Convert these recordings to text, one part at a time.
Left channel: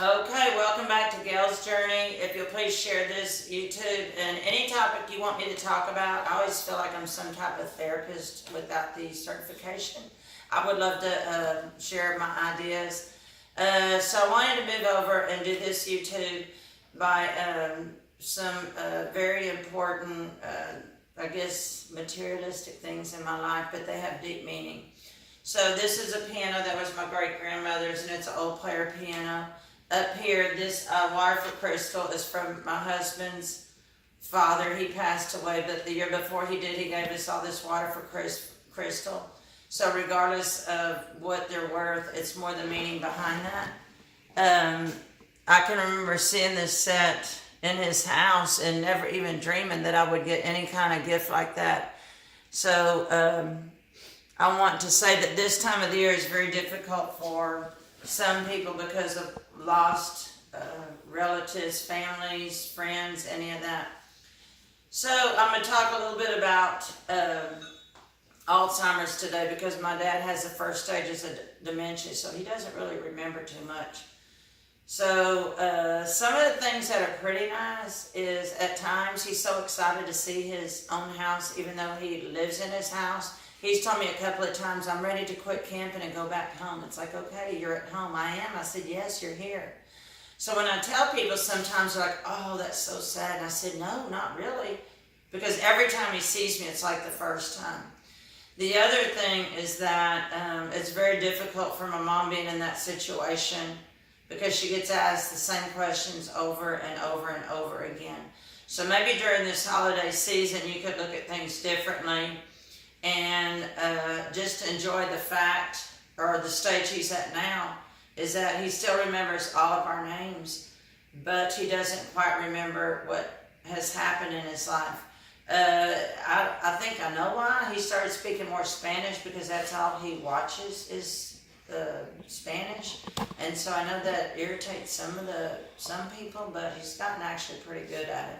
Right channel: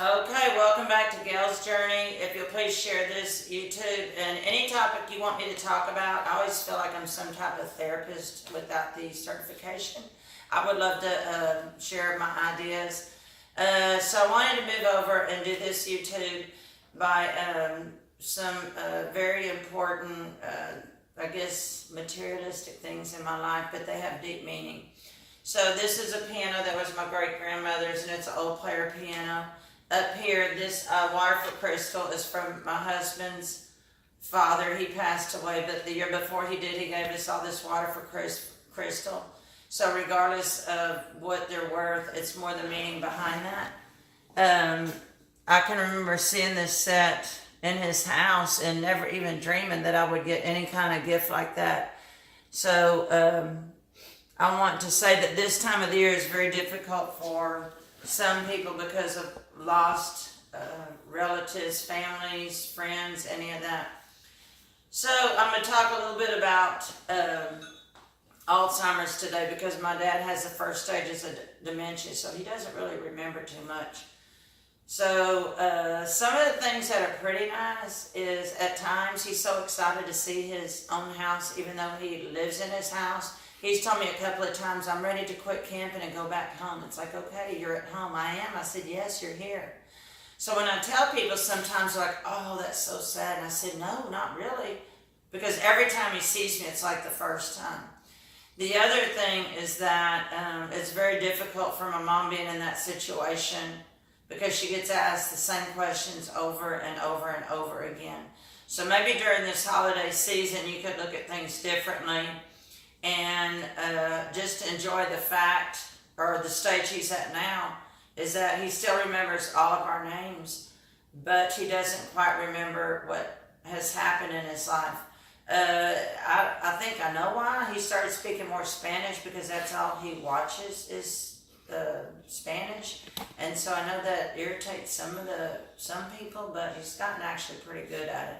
Okay, welcome back to Gail's Journey. If you'll please share this YouTube and any topic you want me to talk about. I always feel like I'm some type of therapist without the certification. I would love to share my ideas. So I wanted to move over and do this YouTube by some very important, I guess, materialistic things in my life, but they have deep meaning. So this is a piano that was my great-grandmother's, and it's an old player piano. Up here, this wire for crystal is from my husband's father. He passed away, but the year before he did, he gave us all this water for crystal. So regardless of what they're worth, it's more the meaning behind that. I can remember seeing this set in his house and never even dreaming that I would get any kind of gift like that. So I want to say that this time of the year is very difficult for some people because of lost relatives, families, friends, any of that. So I'm going to talk a little bit about Alzheimer's today because my dad has the first stages of dementia, so he doesn't really remember too much. So some of the things that are pretty nice is at times he's so excited to see his own house, even though he lives in his house. He's told me a couple of times, I'm ready to quit camping and go back home. It's like, okay, you're at home. I am. I said, yes, you're here. So when I tell people, sometimes they're like, oh, that's so sad. And I said, no, not really. Because every time he sees me, it's like the first time. The other thing is that it's very difficult for my mom being in that situation because she gets asked the same questions over and over and over again. So maybe during this holiday season, you could look at things differently and just enjoy the fact, or the stage he's at now, is that he still remembers all of our names, but he doesn't quite remember what has happened in his life. I think I know why. He started speaking more Spanish because that's all he watches is Spanish, and so I know that irritates some people, but he's gotten actually pretty good at it.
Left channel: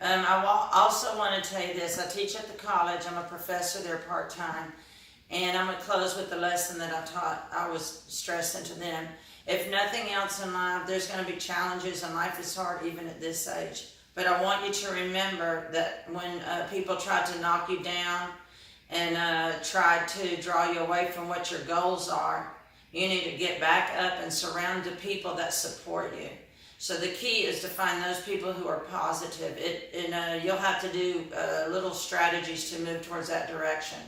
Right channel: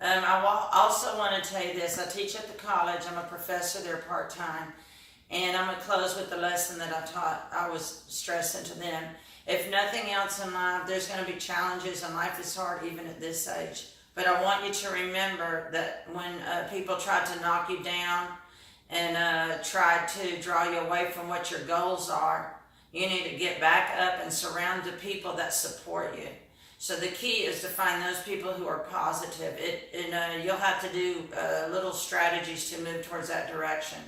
I also want to tell you this. I teach at the college. I'm a professor there part-time. And I'm going to close with the lesson that I was stressing to them. If nothing else in life, there's going to be challenges, and life is hard even at this age. But I want you to remember that when people try to knock you down and try to draw you away from what your goals are, you need to get back up and surround the people that support you. So the key is to find those people who are positive. You'll have to do little strategies to move towards that direction.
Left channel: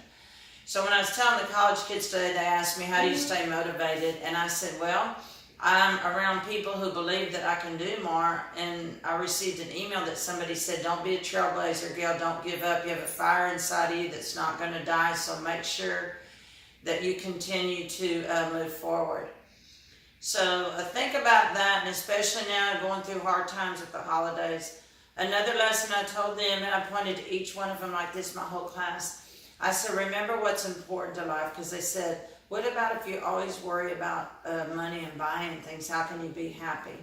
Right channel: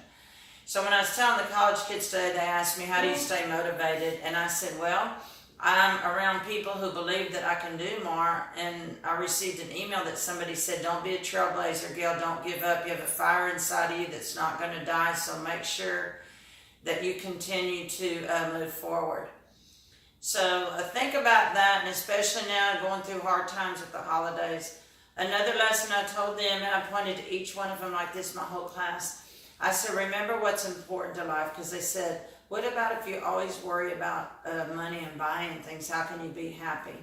So when I was telling the college kids today, they asked me, how do you stay motivated? And I said, well, I'm around people who believe that I can do more. And I received an email that somebody said, don't be a trailblazer, Gail, don't give up. You have a fire inside of you that's not going to die, so make sure that you continue to move forward. So think about that, and especially now going through hard times with the holidays. Another lesson I told them, and I pointed to each one of them like this my whole class. I said, remember what's important to life, because they said, what about if you always worry about money and buying things? How can you be happy?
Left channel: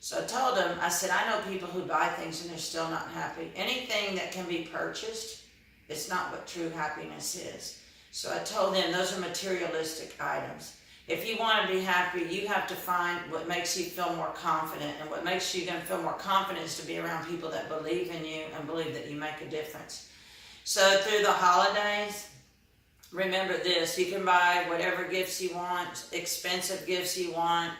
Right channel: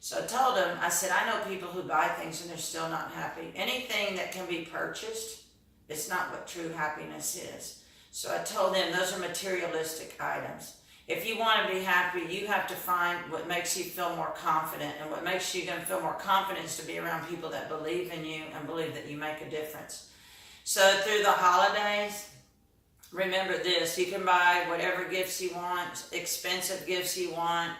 So I told them, I said, I know people who buy things and they're still not happy. Anything that can be purchased, it's not what true happiness is. So I told them those are materialistic items. If you want to be happy, you have to find what makes you feel more confident. And what makes you going to feel more confident is to be around people that believe in you and believe that you make a difference. So through the holidays, remember this. You can buy whatever gifts you want, expensive gifts you want,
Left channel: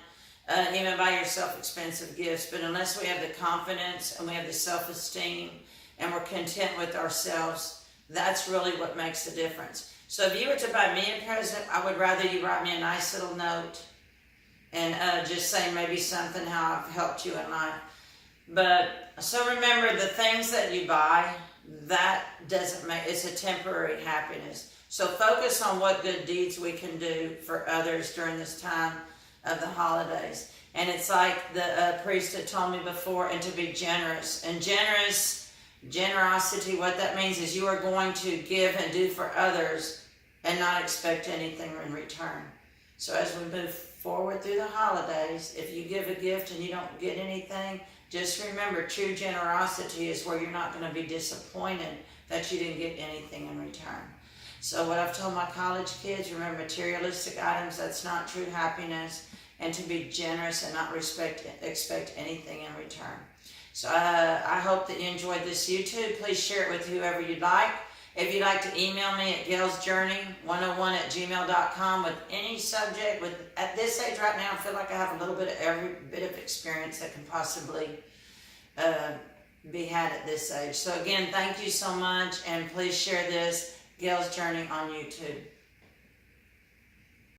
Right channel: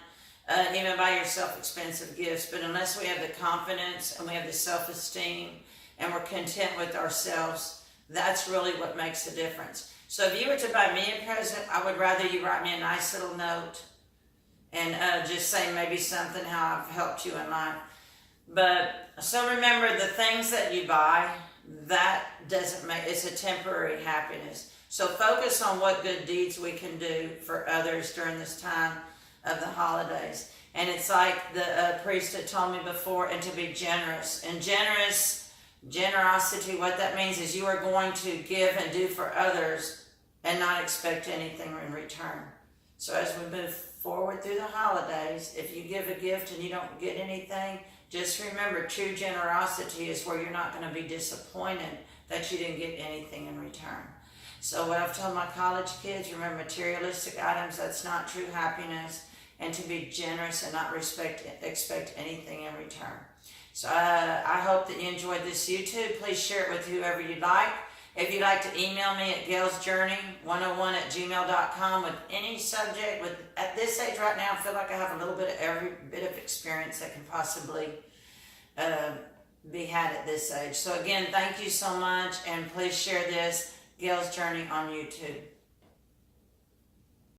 even buy yourself expensive gifts. But unless we have the confidence and we have the self-esteem and we're content with ourselves, that's really what makes the difference. So if you were to buy me a present, I would rather you write me a nice little note and just say maybe something how I've helped you in life. But so remember, the things that you buy, that doesn't make, it's a temporary happiness. So focus on what good deeds we can do for others during this time of the holidays. And it's like the priest had told me before, and to be generous. And generosity, what that means is you are going to give and do for others and not expect anything in return. So as we move forward through the holidays, if you give a gift and you don't get anything, just remember, true generosity is where you're not going to be disappointed that you didn't get anything in return. So what I've told my college kids, remember, materialistic items, that's not true happiness. and to be generous and not expect anything in return. So I hope that you enjoyed this YouTube. Please share it with whoever you'd like. If you'd like to email me at gailsjourney101@gmail.com with any subject, at this age right now, I feel like I have a little bit of every bit of experience that can possibly be had at this age. So again, thank you so much, and please share this, Gail's Journey, on YouTube.